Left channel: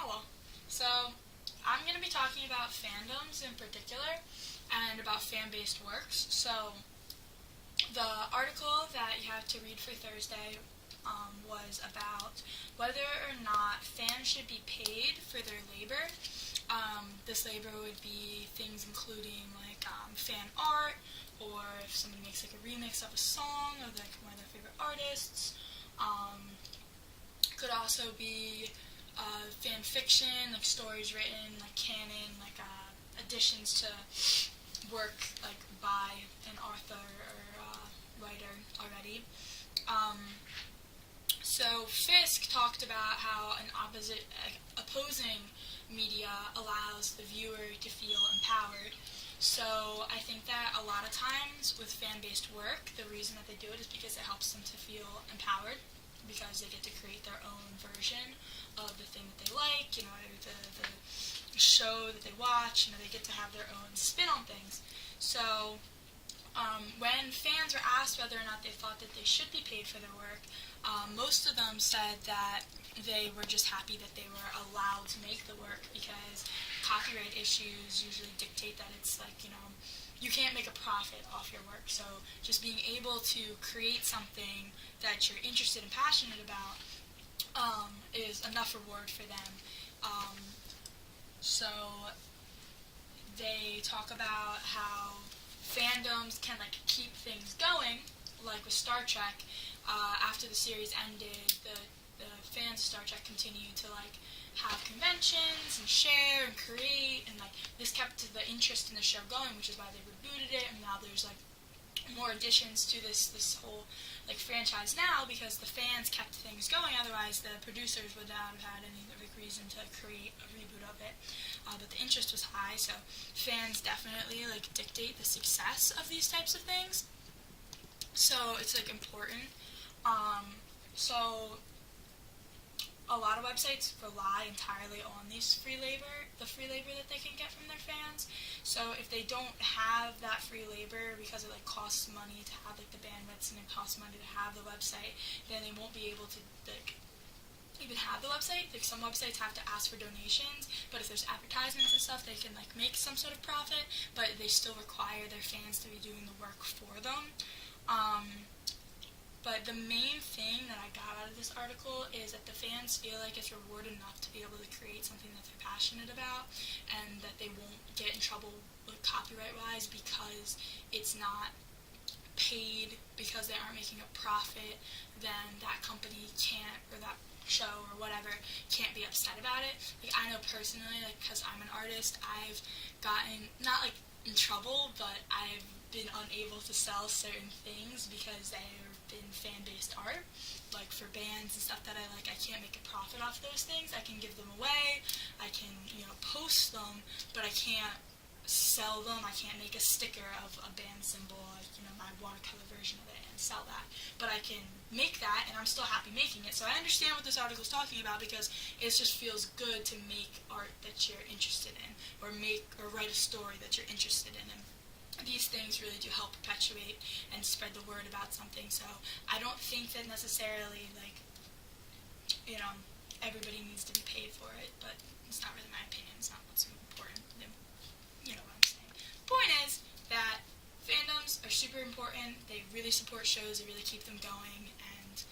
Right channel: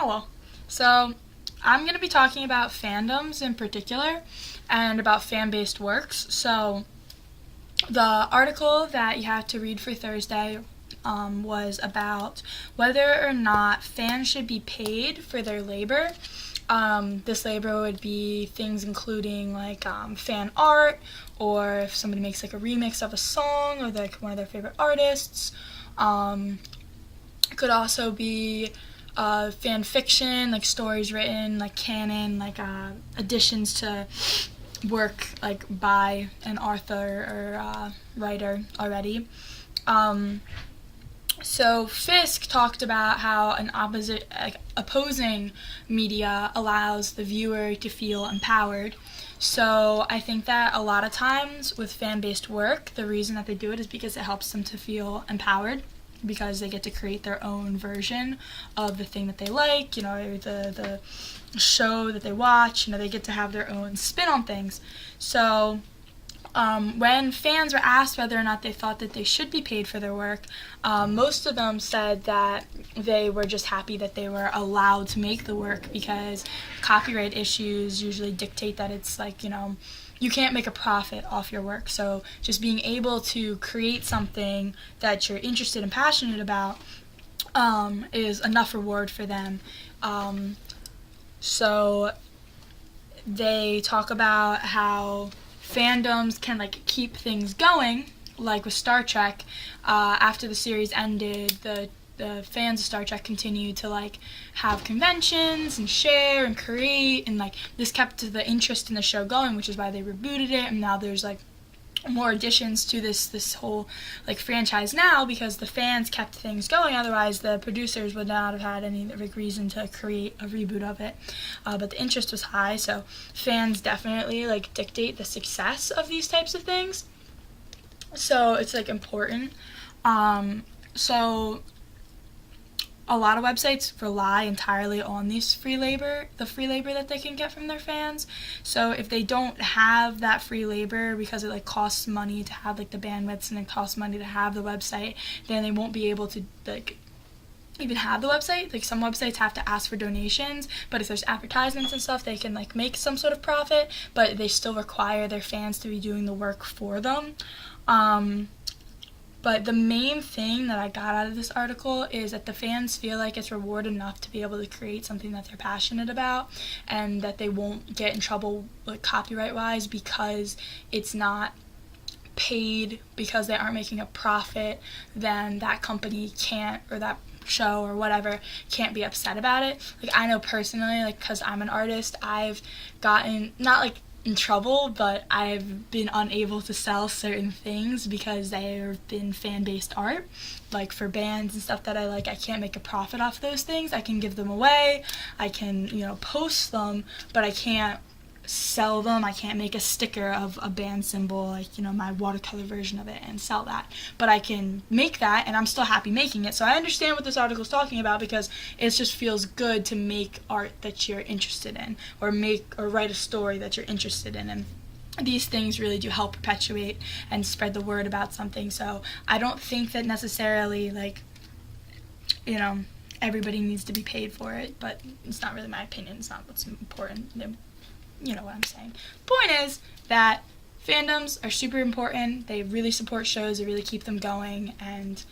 Hello. So, I'm going to be talking about fandoms in particular and about fan based works. So, the article that you have to read for Thursday was about whether or not fans should be paid for their labor. This labor would be things including like fan art, or if somebody makes like a remix of a song or like one of their favorite artists. It could also be fan fiction, like stories written, like canon, like additions to work like by an author or writer already. Um, so Fisk talked about how an opposing media allows the viewer to feel empowered. So I think that a lot of times with fan-based work, the reason that they do it is because it helps them to feel empowered, because they get to create their own version of the thing that they like, the show that they watch, they get to have their own spin on things. So when fans were asked whether or not they thought that they should be paid for their work, most of them said that they were just happy that they were allowed to make the work, because copyright issues usually dictate that it's like, you can't make a profit off your work. So just being able to create something that you're interested and passionate about is enough reward for them. So they talk about how fandoms can like keep things going, like with Star Trek. After the series ended, the fans of Star Trek continued to like have conventions and share and create, and like this kept the interest in the show going, which is why they rebooted it, and now there's like more additions to this whole like franchise now, because the fans kept things going. Otherwise the producers would not have had any like reason to create a reboot of it, but the interest was high, so fans definitely like dictate the success of these types of things, so it's like important. So a lot of websites rely entirely on the free labor that they can get from their fans. So if they don't have that free labor, because it like costs money to have like the bandwidths and it costs money to have the website, then they won't be able to like even have the website. Like some websites have to ask for donations, but if there's advertisements and stuff, they can like make some sort of profit, but they still require their fans to be doing the work for them. But the main thing that I got out of this article is that the fans feel like it's reward enough to be able to create something that they're passionate about, and that they won't get in trouble like copyright wise, because it's not paid, because they aren't making a profit. Then that company can't, or that show or whatever, can't be upset about it. Like I know personally, like because I'm an artist, I've gotten not like in trouble, but I've been unable to sell certain things because they have been fan-based art. Like for bands and stuff that I like, I can't make a profit off those things. I can give them away, I can, post them, but I can't sell them. I can't make a sticker of a band symbol, like, my watercolor version of it, and sell that. But I can make that, and I'm still happy making it. So I understand what this article is talking about, because it just feels good to make art that you're interested in, or write a story that you're interested in. And these things really do help perpetuate and spread the word about something. So I don't think that necessarily, like, everybody needs to be paid for it, but it's not really my opinion. It's not what's important. You know what I'm saying. Point is that fandoms are super important. They really support shows. They really keep them going, and